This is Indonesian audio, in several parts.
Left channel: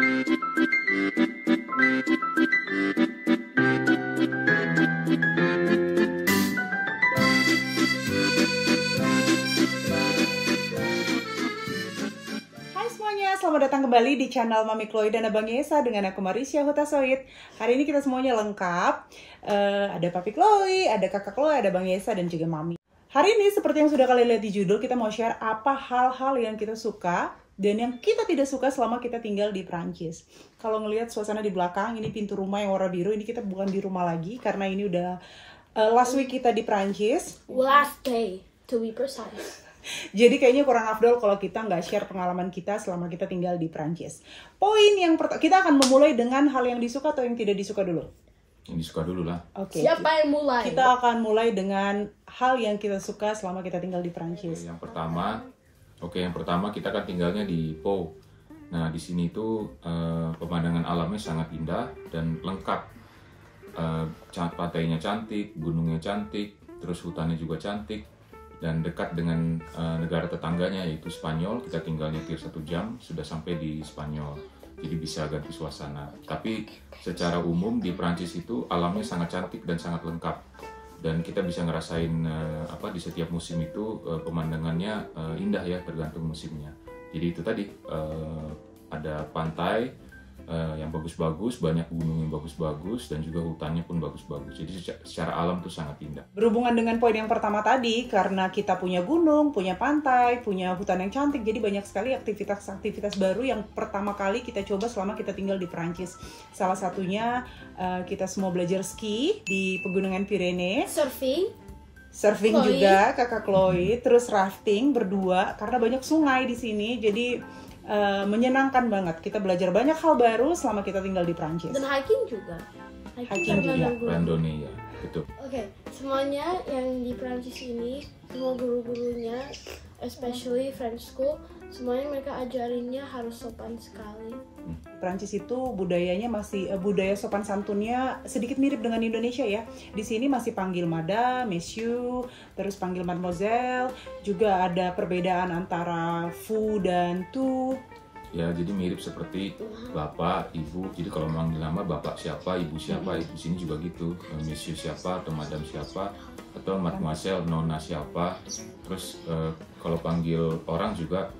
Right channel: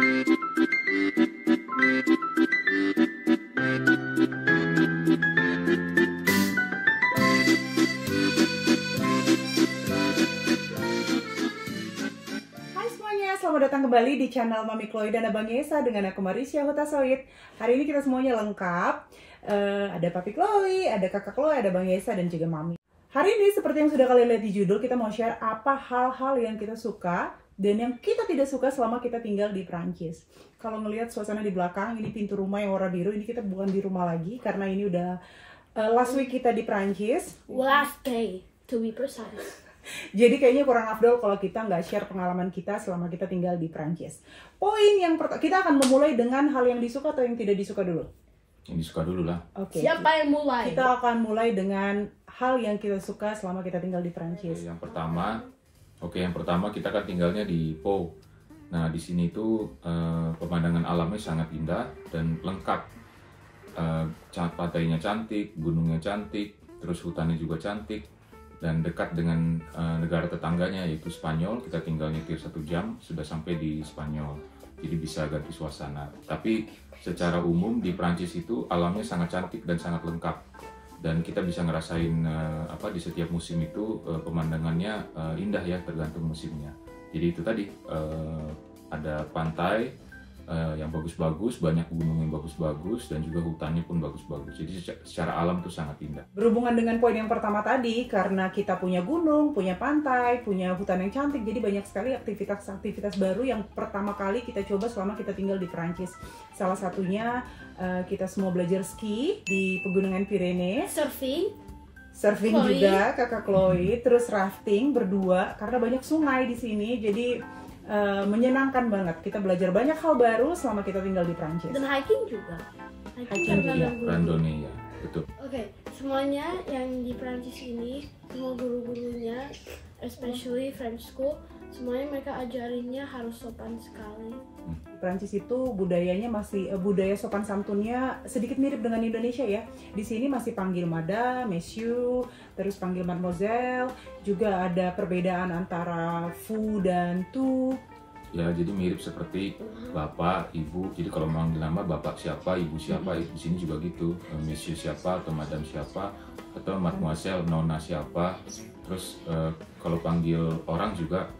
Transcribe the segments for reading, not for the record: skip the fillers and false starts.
Selamat datang kembali di channel Mami Chloe dan Abang Yesa dengan aku Marisha Huta-Soit. Hari ini kita semuanya lengkap. Ada Papi Chloe, ada Kakak Chloe, ada Bang Yesa dan juga Mami. Hari ini seperti yang sudah kalian lihat di judul, kita mau share apa hal-hal yang kita suka dan yang kita tidak suka selama kita tinggal di Prancis. Kalau ngelihat suasana di belakang, ini pintu rumah yang warna biru. Ini kita bukan di rumah lagi karena ini udah last week kita di Prancis. Last day, to be precise. Jadi kayaknya kurang afdol kalau kita nggak share pengalaman kita selama kita tinggal di Prancis. Poin yang pertama, kita akan memulai dengan hal yang disuka atau yang tidak disuka dulu? Yang disuka dulu lah. Oke. Siapa yang mulai? Kita akan mulai dengan hal yang kita suka selama kita tinggal di Prancis. Yang pertama kita kan tinggalnya di Pau. Nah di sini itu pemandangan alamnya sangat indah dan lengkap. Pantainya cantik, gunungnya cantik, terus hutannya juga cantik. Dan dekat dengan negara tetangganya yaitu Spanyol. Kita tinggal nyetir 1 jam sudah sampai di Spanyol, jadi bisa ganti suasana. Tapi secara umum di Prancis itu alamnya sangat cantik dan sangat lengkap, dan kita bisa ngerasain di setiap musim itu pemandangannya indah ya, tergantung musimnya. Jadi itu tadi ada pantai yang bagus-bagus, banyak gunung yang bagus-bagus, dan juga hutannya pun bagus-bagus. Jadi secara alam tuh sangat indah. Berhubungan dengan poin yang pertama tadi, karena kita punya gunung, punya pantai, punya hutan yang cantik, jadi banyak sekali aktivitas-aktivitas baru yang pertama kali kita coba selama kita tinggal di Prancis. Salah satunya kita semua belajar ski di pegunungan Pyrenees. Surfing Chloe. juga, kakak Chloe, terus rafting berdua, karena banyak sungai di sini, jadi menyenangkan banget. Kita belajar banyak hal baru selama kita tinggal di Prancis. Dan hiking juga. Hiking karena juga. ada guru. Randonnée ya, betul. Oke, semuanya yang di Prancis ini, semua guru-gurunya, especially French school, semuanya mereka ajarinnya harus sopan sekali. Prancis itu budayanya masih budaya sopan santunnya sedikit mirip dengan Indonesia ya. Di sini masih panggil madame, monsieur, terus panggil mademoiselle. Juga ada perbedaan antara vous dan tu. Ya jadi mirip seperti bapak, ibu. Jadi kalau manggil nama bapak siapa, ibu siapa, di sini juga gitu. Monsieur siapa atau madame siapa, atau mademoiselle, nona siapa. Terus kalau panggil orang juga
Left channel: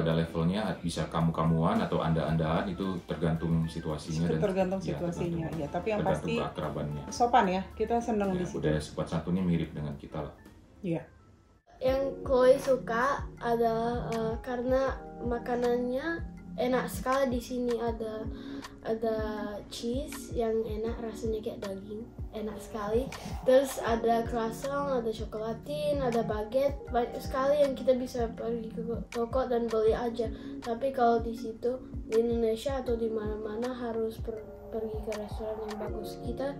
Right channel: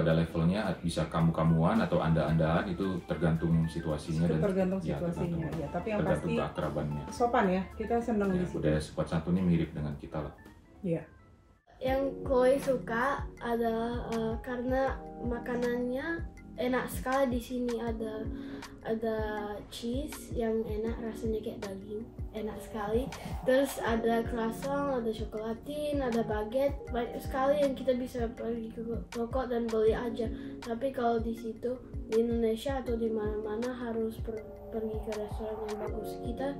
ada levelnya, bisa kamu-kamuan atau anda-andaan, itu tergantung situasinya dan Tergantung situasinya ya. Tapi yang tergantung pasti keakrabannya. sopan ya. Kita senang Ya, di situ. budaya sopan santunnya mirip dengan kita lah. Iya. Yang Chloe suka adalah karena makanannya enak sekali di sini. Ada cheese yang enak, rasanya kayak daging, enak sekali. Terus ada croissant, ada chocolatin, ada baguette, banyak sekali yang kita bisa pergi ke toko dan beli aja. Tapi kalau di situ di Indonesia atau di mana-mana harus pergi ke restoran yang bagus. Kita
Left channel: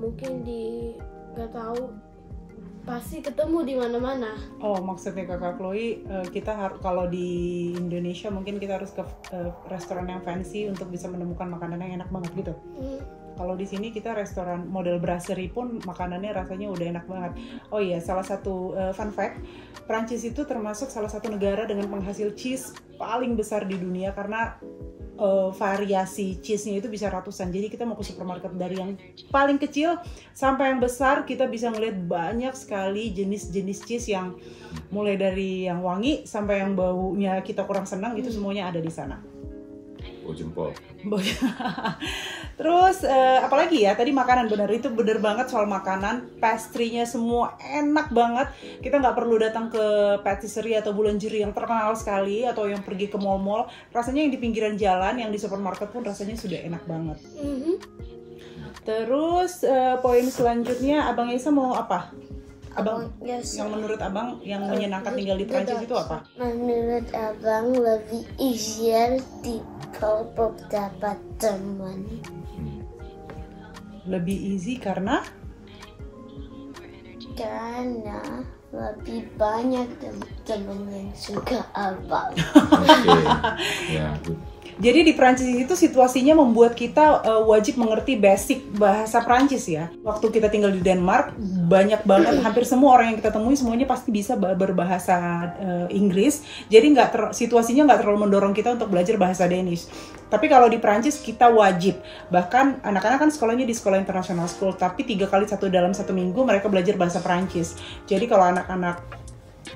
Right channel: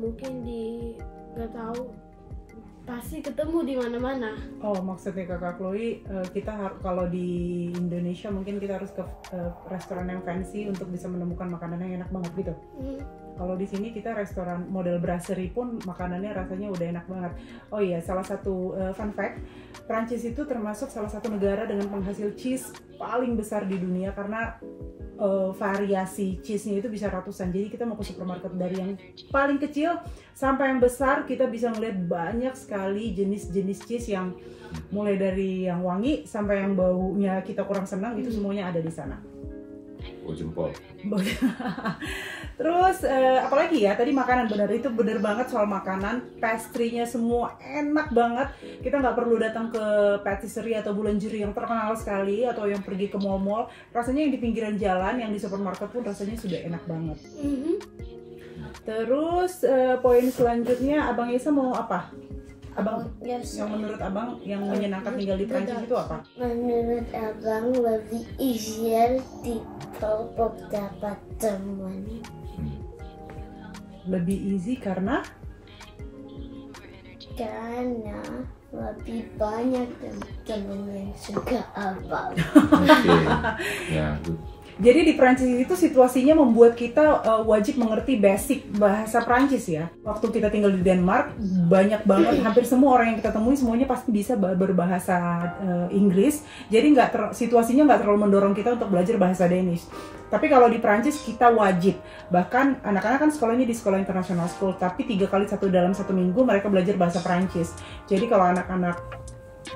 mungkin nggak tahu, pasti ketemu di mana-mana. Oh, maksudnya kakak Chloe, kalau di Indonesia mungkin kita harus ke restoran yang fancy untuk bisa menemukan makanan yang enak banget gitu. Kalau di sini kita restoran model brasserie pun makanannya rasanya udah enak banget. Oh iya, salah satu fun fact, Prancis itu termasuk salah satu negara dengan penghasil cheese paling besar di dunia karena variasi cheese-nya itu bisa ratusan. Jadi kita mau ke supermarket dari yang paling kecil sampai yang besar, kita bisa ngeliat banyak sekali jenis-jenis cheese yang mulai dari yang wangi sampai yang baunya kita kurang senang, itu semuanya ada di sana. Oh jempol. Terus apalagi ya, tadi makanan, bener banget soal makanan. Pastry-nya semua enak banget. Kita nggak perlu datang ke patisserie atau boulangerie yang terkenal sekali atau yang pergi ke mall-mall. Rasanya yang di pinggiran jalan, yang di supermarket pun rasanya sudah enak banget. Terus poin selanjutnya, Abang Yesa mau apa? Abang, yang menurut Abang yang menyenangkan tinggal di Prancis itu apa? Menurut Abang lebih easier di kalau dapat teman. Lebih easy karena lebih banyak teman yang suka Abang. Oke, ya good. Jadi di Prancis itu situasinya membuat kita wajib mengerti basic bahasa Prancis ya. Waktu kita tinggal di Denmark, banyak banget, hampir semua orang yang kita temui semuanya pasti bisa berbahasa Inggris. Jadi situasinya nggak terlalu mendorong kita untuk belajar bahasa Danish. Tapi kalau di Prancis kita wajib. Bahkan anak-anak kan sekolahnya di sekolah international school, tapi 3 kali dalam 1 minggu mereka belajar bahasa Prancis. Jadi kalau anak-anak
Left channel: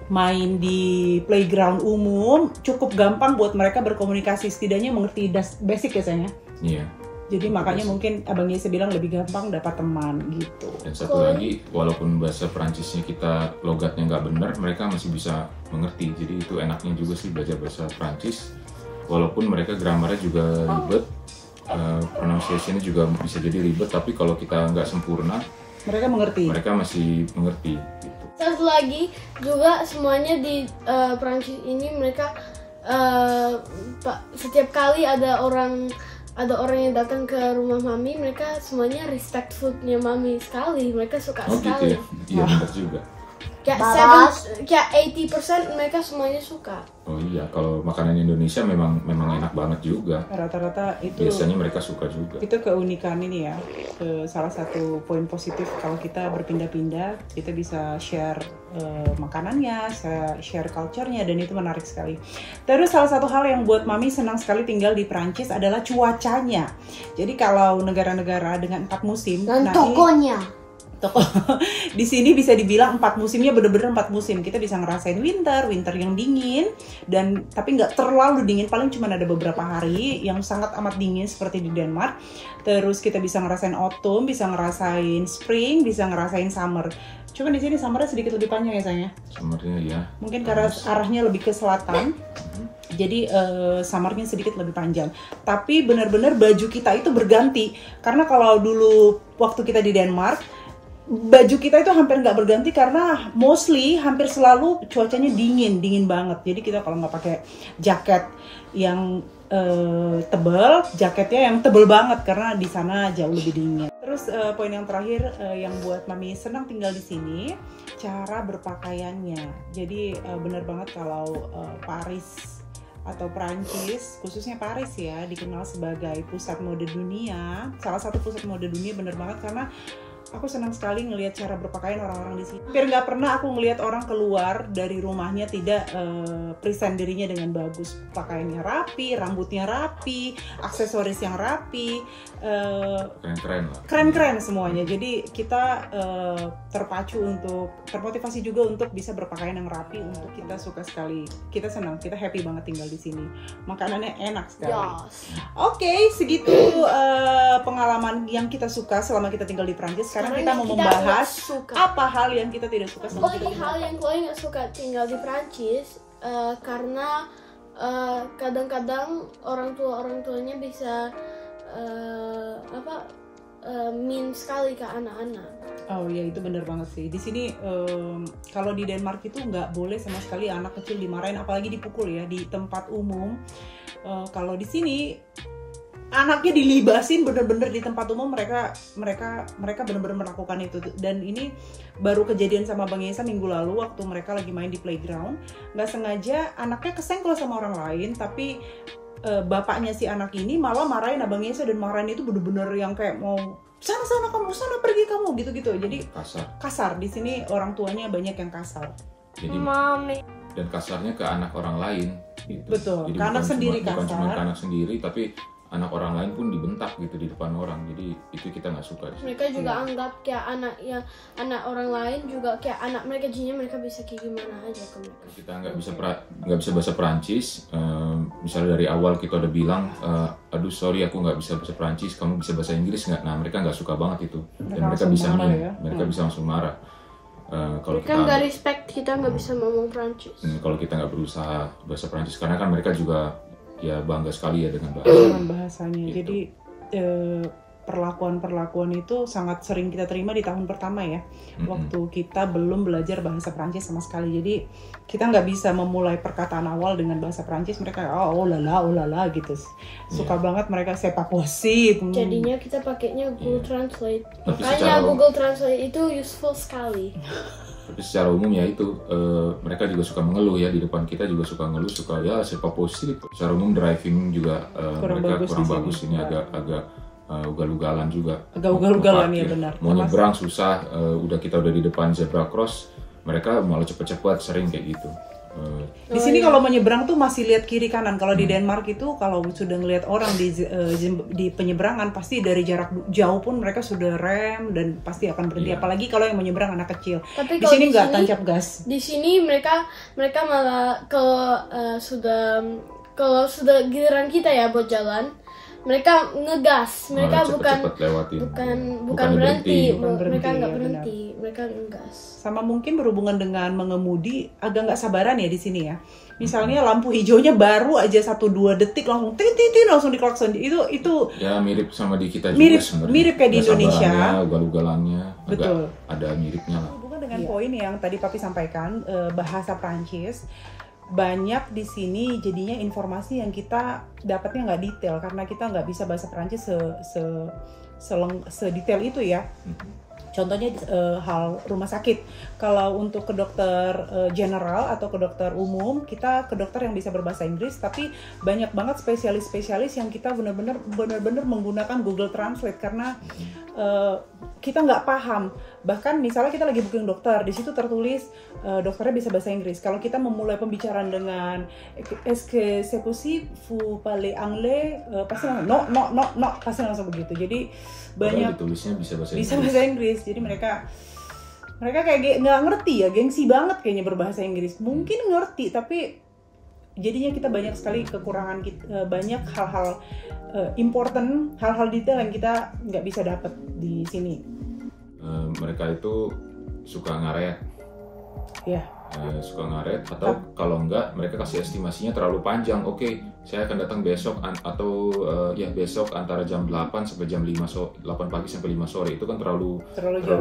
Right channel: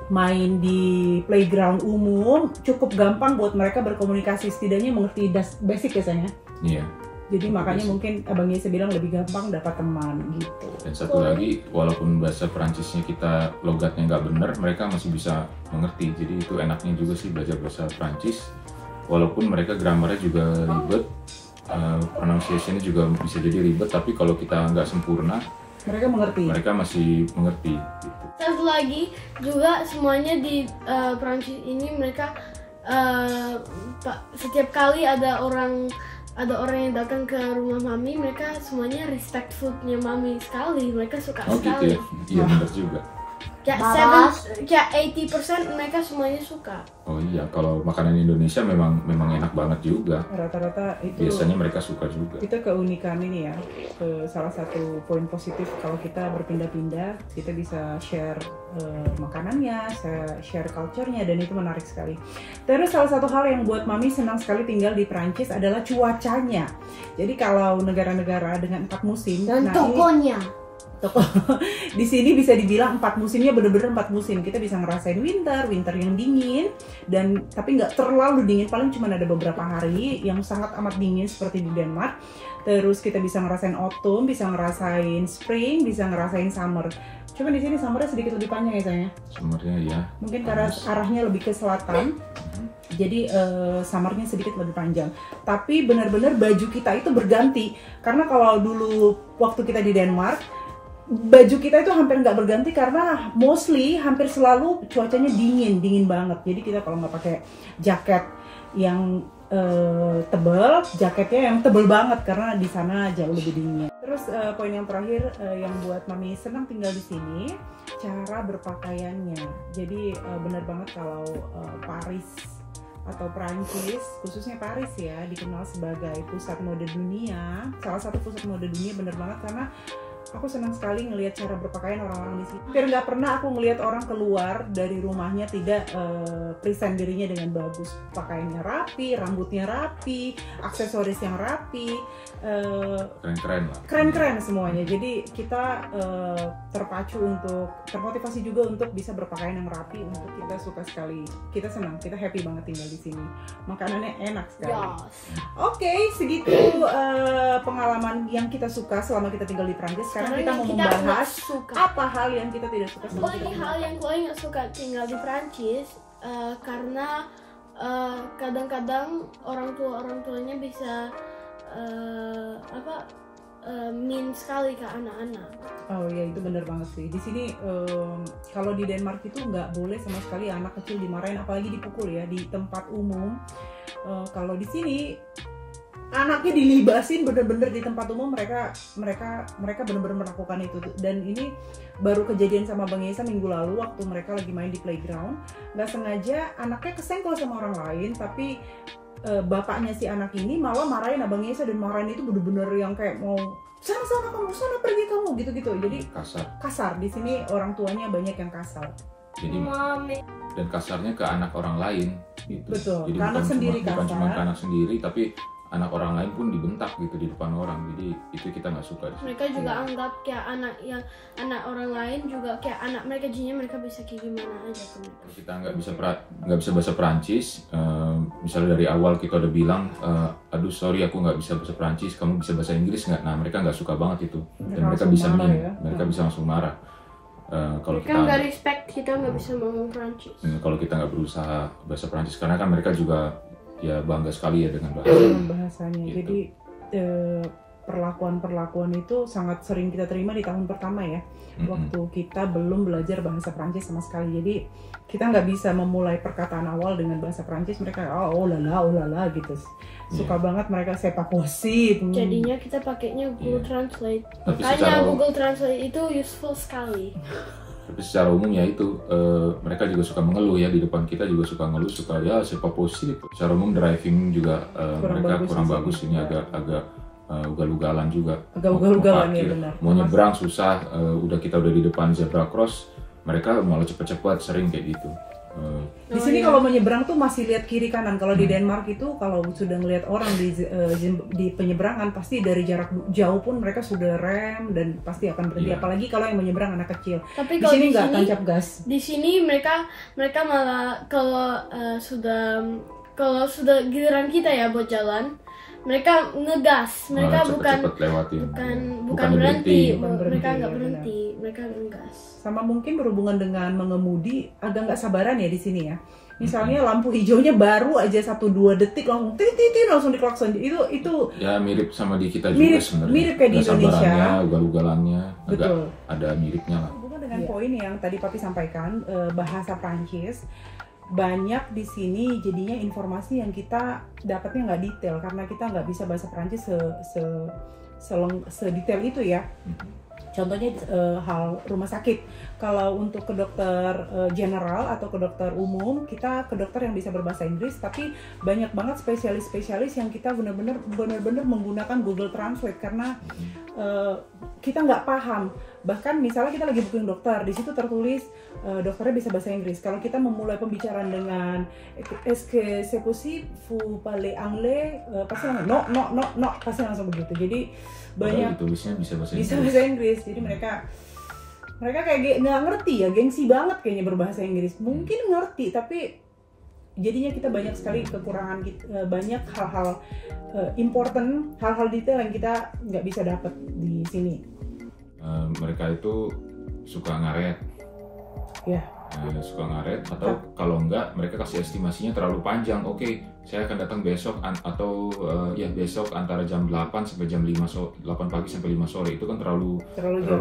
main di playground umum cukup gampang buat mereka berkomunikasi, setidaknya mengerti basic biasanya. Iya. Jadi makanya mungkin Abang Yesa bilang lebih gampang dapat teman gitu. Dan satu lagi, walaupun bahasa Perancisnya kita logatnya nggak benar, mereka masih bisa mengerti. Jadi itu enaknya juga sih belajar bahasa Perancis. Walaupun mereka grammarnya juga ribet, pronunciation-nya juga bisa jadi ribet, tapi kalau kita nggak sempurna, mereka mengerti. Mereka masih mengerti. Gitu. Satu lagi juga semuanya di Prancis ini mereka setiap kali ada orang yang datang ke rumah mami, mereka semuanya respect foodnya mami sekali, mereka suka sekali. Gitu ya? Iya benar juga. Kayak 80% mereka semuanya suka. Oh iya, kalau makanan Indonesia memang enak banget juga. Rata-rata itu. Biasanya mereka suka juga. Itu keunikan ini ya. Salah satu poin positif kalau kita berpindah-pindah, kita bisa share makanannya, share culture-nya, dan itu menarik sekali. Terus salah satu hal yang buat mami senang sekali tinggal di Prancis adalah cuacanya. Jadi kalau negara-negara dengan 4 musim, dan tokonya. Toko di sini bisa dibilang 4 musimnya bener-bener 4 musim. Kita bisa ngerasain winter yang dingin, dan tapi nggak terlalu dingin, paling cuma ada beberapa hari yang sangat amat dingin seperti di Denmark. Terus kita bisa ngerasain autumn, bisa ngerasain spring, bisa ngerasain summer. Cuma di sini summernya sedikit lebih panjang ya sayangnya. Summernya ya. Mungkin karena arahnya lebih ke selatan. Jadi summernya sedikit lebih panjang. Tapi benar-benar baju kita itu berganti. Karena kalau dulu waktu kita di Denmark, baju kita itu hampir nggak berganti karena mostly hampir selalu cuacanya dingin banget. Jadi kita kalau nggak pakai jaket yang tebal, jaketnya yang tebal banget karena di sana jauh lebih dingin. Terus poin yang terakhir yang buat mami senang tinggal di sini, cara berpakaiannya. Jadi benar banget kalau Paris atau Prancis, khususnya Paris ya, dikenal sebagai pusat mode dunia. Salah satu pusat mode dunia bener banget karena aku senang sekali ngelihat cara berpakaian orang-orang di sini. Hampir nggak pernah aku ngelihat orang keluar dari rumahnya tidak present dirinya dengan bagus. Pakaiannya rapi, rambutnya rapi, aksesoris yang rapi, keren-keren lah. Keren-keren semuanya. Jadi kita termotivasi juga untuk bisa berpakaian yang rapi. Untuk kita suka sekali, kita senang, kita happy banget tinggal di sini. Makanannya enak sekali. Yes. Oke, segitu pengalaman yang kita suka selama kita tinggal di Prancis. Sekarang kita mau membahas apa hal yang kita tidak suka selama kita tinggal. Hal yang Chloe nggak suka tinggal di Prancis karena kadang-kadang orang tuanya bisa mean sekali ke anak-anak. Oh ya, itu benar banget sih. Di sini kalau di Denmark itu nggak boleh sama sekali anak kecil dimarahin, apalagi dipukul ya di tempat umum. Kalau di sini anaknya dilibasin bener-bener di tempat umum, mereka bener-bener melakukan itu. Dan ini baru kejadian sama Bang Yesa minggu lalu waktu mereka lagi main di playground. Nggak sengaja anaknya kesenggol sama orang lain, tapi bapaknya si anak ini malah marahin Abang Yesa, dan marahin itu bener-bener yang kayak mau sana kamu, sana pergi kamu, gitu-gitu. Jadi kasar. Di sini orang tuanya banyak yang kasar. Jadi Mami. Dan kasarnya ke anak orang lain gitu. Betul. Jadi ke anak sendiri kasar. Bukan cuma ke anak sendiri, tapi anak orang lain pun dibentak gitu di depan orang. Jadi itu kita nggak suka. Mereka juga anggap kayak anak orang lain juga kayak anak mereka, jadinya mereka bisa kayak gimana aja ke mereka. Kita nggak bisa bahasa Perancis. Misalnya dari awal kita udah bilang, aduh sorry aku nggak bisa bahasa Perancis, kamu bisa bahasa Inggris nggak? Nah mereka nggak suka banget itu, dan mereka bisa bisa langsung marah. Kalau mereka nggak respect kita nggak bisa ngomong Perancis. Kalau kita nggak berusaha bahasa Perancis, karena kan mereka juga ya bangga sekali ya dengan bahasanya. Gitu. Jadi perlakuan itu sangat sering kita terima di tahun pertama ya, waktu kita belum belajar bahasa Perancis sama sekali. Jadi kita nggak bisa memulai perkataan awal dengan bahasa Perancis. Mereka oh lala gitu, suka banget mereka c'est pas possible. Jadinya kita pakainya Google Translate. Makanya Google Translate itu useful sekali. Tapi secara umum ya itu mereka juga suka mengeluh ya, di depan kita juga suka ngeluh, suka ya serba positif. Secara umum driving juga mereka kurang bagus, ini agak ugal-ugalan juga. Agak ugal-ugalan ya, benar. Mau nyebrang susah, kita udah di depan zebra cross, mereka malah cepet-cepet, sering kayak gitu. Di sini kalau menyeberang tuh masih lihat kiri kanan. Kalau di Denmark itu kalau sudah ngelihat orang di penyeberangan, pasti dari jarak jauh pun mereka sudah rem dan pasti akan berhenti. Apalagi kalau yang menyeberang anak kecil. Tapi di sini nggak tancap gas. Di sini mereka malah kalau sudah giliran kita ya buat jalan, mereka ngegas, mereka bukan berhenti, mereka nggak berhenti, mereka ngegas. Sama mungkin berhubungan dengan mengemudi, agak nggak sabaran ya di sini ya. Misalnya lampu hijaunya baru aja 1-2 detik langsung titit langsung diklakson. Itu ya mirip sama di kita juga sebenarnya. Mirip kayak di Indonesia. Ugal-ugalannya agak betul. Ada miripnya lah. Hubungan dengan poin yang tadi Papi sampaikan, bahasa Prancis. Banyak di sini jadinya informasi yang kita dapatnya nggak detail karena kita nggak bisa bahasa Perancis sedetail itu ya. Contohnya hal rumah sakit. Kalau untuk ke dokter general atau ke dokter umum, kita ke dokter yang bisa berbahasa Inggris, tapi banyak banget spesialis-spesialis yang kita benar-benar menggunakan Google Translate karena kita nggak paham. Bahkan misalnya kita lagi booking dokter, di situ tertulis dokternya bisa bahasa Inggris. Kalau kita memulai pembicaraan dengan est-ce que c'est possible vous parler anglais, pasti no, pasti langsung begitu. Jadi banyak tulisnya bisa bahasa Inggris. Jadi mereka kayak nggak ngerti ya, gengsi banget kayaknya berbahasa Inggris. Mungkin ngerti tapi jadinya kita banyak sekali kekurangan, banyak hal-hal important, hal-hal detail yang kita nggak bisa dapat di sini. Mereka itu suka ngaret. Ya. Suka ngaret atau kalau enggak mereka kasih estimasinya terlalu panjang. Oke, saya akan datang besok atau besok antara jam 8 sampai jam 8 pagi sampai 5 sore. Itu kan terlalu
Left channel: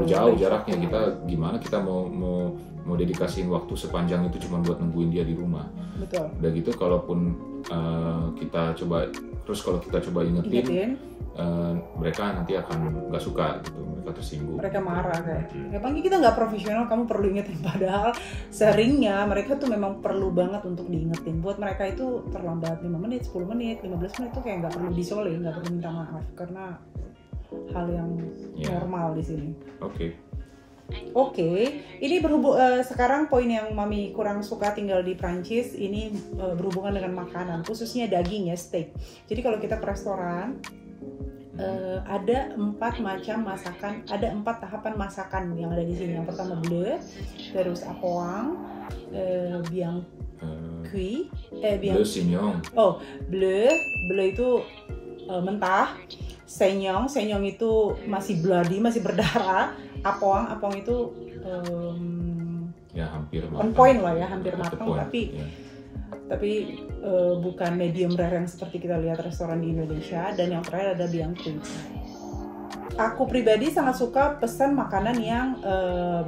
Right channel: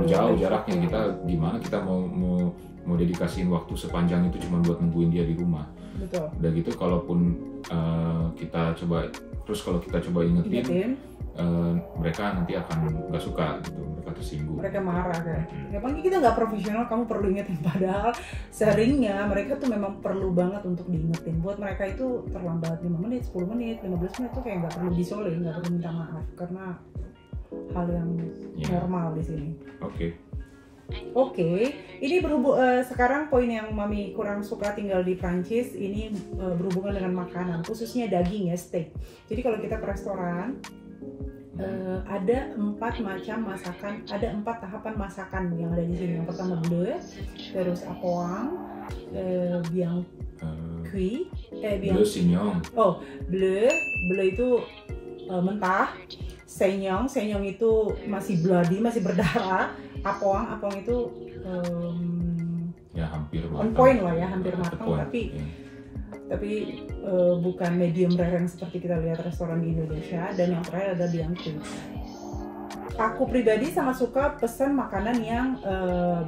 jauh jaraknya. Kita gimana kita mau dedikasiin waktu sepanjang itu cuma buat nungguin dia di rumah. Betul. Udah gitu kalaupun kita coba ingetin mereka nanti akan nggak suka gitu, mereka tersinggung, mereka marah kan. Apalagi kita nggak profesional, kamu perlu ingetin, padahal seringnya mereka tuh memang perlu banget untuk diingetin. Buat mereka itu terlambat 5 menit, 10 menit, 15 menit tuh kayak nggak perlu disolin, nggak perlu minta maaf karena hal yang normal di sini. Oke, ini sekarang poin yang Mami kurang suka tinggal di Prancis ini berhubungan dengan makanan, khususnya daging ya, steak. Jadi kalau kita ke restoran ada 4 macam masakan, ada 4 tahapan masakan yang ada di sini. Yang pertama bleu, terus apoang, bien cuit, bleu saignant. Oh, bleu itu mentah. Saignant itu masih bloody, masih berdarah. Apoang itu ya hampir on point lah ya, hampir matang, tapi bukan medium rare yang seperti kita lihat restoran di Indonesia. Dan yang terakhir ada bien cuit. Aku pribadi sangat suka pesan makanan yang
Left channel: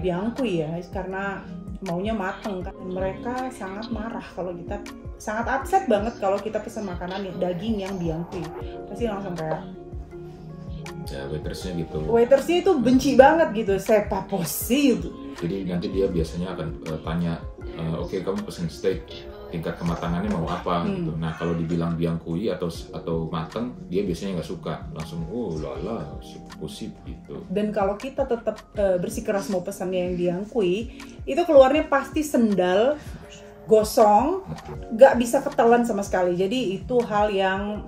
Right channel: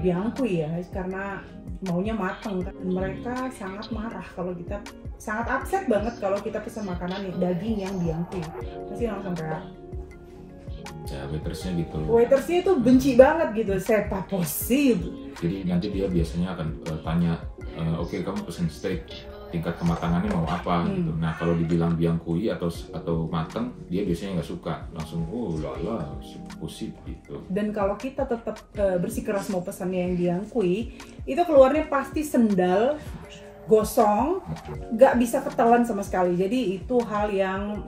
bien cuit ya, karena maunya matang kan. Mereka sangat marah kalau kita, sangat upset banget kalau kita pesan makanan daging yang bien cuit, pasti langsung kayak ya waitersnya gitu. Waitersnya itu benci banget gitu, c'est pas possible. Jadi nanti dia biasanya akan tanya, oke, kamu pesen steak, tingkat kematangannya mau apa gitu. Nah kalau dibilang bien cuit atau mateng, dia biasanya nggak suka, langsung lala, c'est possible gitu. Dan kalau kita tetap bersikeras mau pesannya yang bien cuit, itu keluarnya pasti sendal, gosong, nggak bisa ketelan sama sekali. Jadi itu hal yang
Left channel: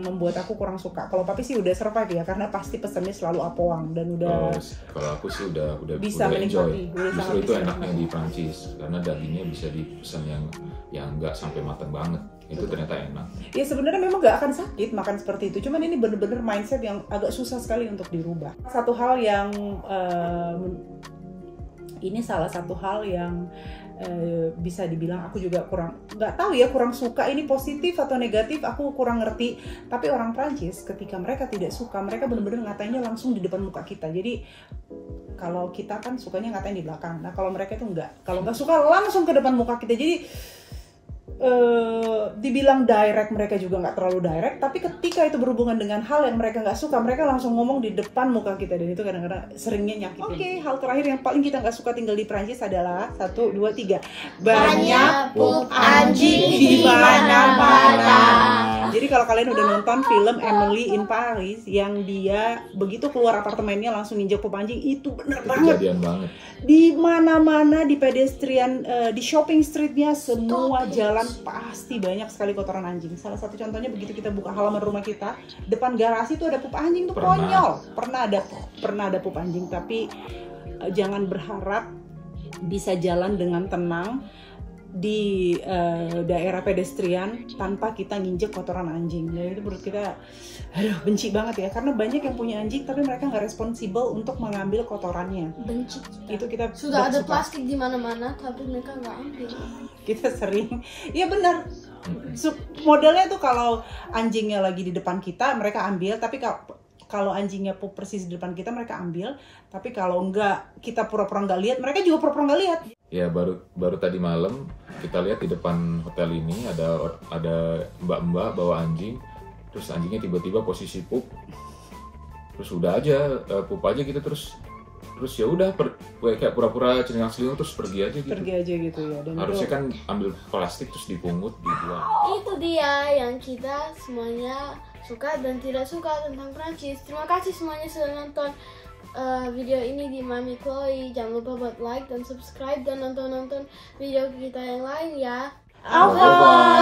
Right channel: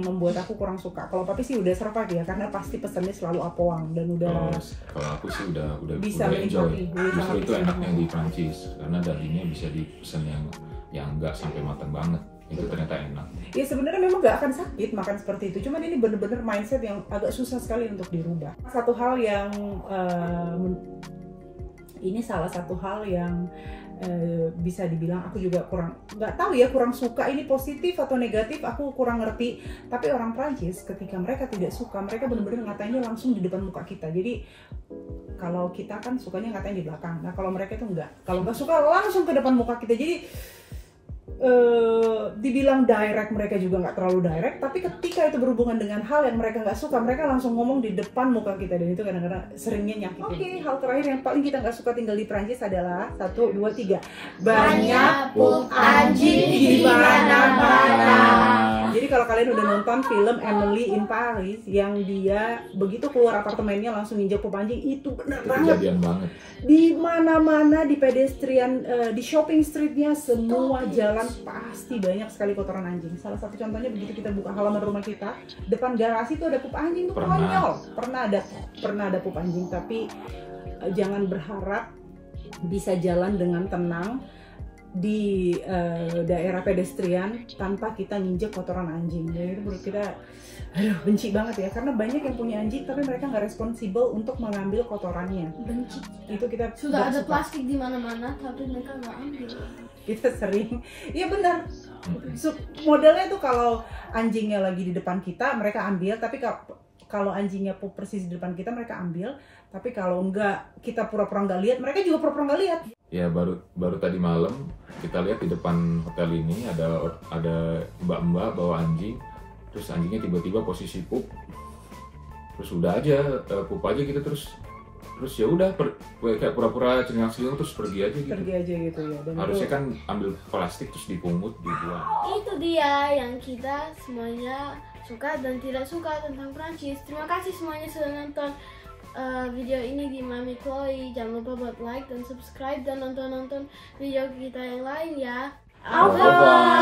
membuat aku kurang suka. Kalau Papi sih udah survive ya, karena pasti pesannya selalu apoang dan udah. Kalau aku sih udah bisa enjoy. Justru itu enaknya di Prancis karena dagingnya bisa dipesan yang nggak sampai matang banget. Itu ternyata enak. Ya sebenarnya memang nggak akan sakit makan seperti itu. Cuman ini bener-bener mindset yang agak susah sekali untuk dirubah. Satu hal yang ini salah satu hal yang bisa dibilang aku juga nggak tahu ya, kurang suka. Ini positif atau negatif aku kurang ngerti, tapi orang Prancis ketika mereka tidak suka, mereka benar-benar ngatainnya langsung di depan muka kita. Jadi kalau kita kan sukanya ngatain di belakang, nah kalau mereka itu enggak, kalau nggak suka langsung ke depan muka kita. Jadi dibilang direct, mereka juga nggak terlalu direct, tapi ketika itu berhubungan dengan hal yang mereka nggak suka, mereka langsung ngomong di depan muka kita, dan itu kadang-kadang seringnya nyakitin. Oke, hal terakhir yang paling kita nggak suka tinggal di Prancis adalah 1, 2, 3 banyak pup anjing di mana-mana. Jadi kalau kalian udah nonton film Emily in Paris yang dia begitu keluar apartemennya langsung nginjak pup anjing, itu bener banget. Kejadian banget. Di mana-mana, di pedestrian, di shopping streetnya, semua jalan pasti banyak sekali kotoran anjing. Salah satu contohnya begitu kita buka halaman rumah kita, depan garasi tuh ada pup anjing, tuh konyol. Pernah ada pup anjing, tapi jangan berharap bisa jalan dengan tenang di daerah pedestrian tanpa kita nginjek kotoran anjing. Jadi itu menurut kita benci banget ya, karena banyak yang punya anjing tapi mereka nggak responsibel untuk mengambil kotorannya. Benci. Itu kita sudah ada plastik di mana-mana tapi mereka nggak ambil. Kita sering, iya benar. Modelnya tuh kalau anjingnya lagi di depan kita mereka ambil, tapi kalau anjingnya pup persis di depan kita mereka ambil, tapi kalau enggak kita pura-pura nggak lihat, mereka juga pura-pura nggak lihat. Ya baru tadi malam kita lihat di depan hotel ini ada mbak-mbak bawa anjing, terus anjingnya tiba-tiba posisi pup, terus udah aja pup aja gitu, terus ya udah kayak pura-pura cengang-celinguk terus pergi aja gitu ya. Dan harusnya kan ambil plastik terus dipungut dibuang. Itu dia yang kita semuanya suka dan tidak suka tentang Prancis. Terima kasih semuanya sudah nonton video ini di Mami Chloe. Jangan lupa buat like dan subscribe dan nonton video kita yang lain ya. Bye.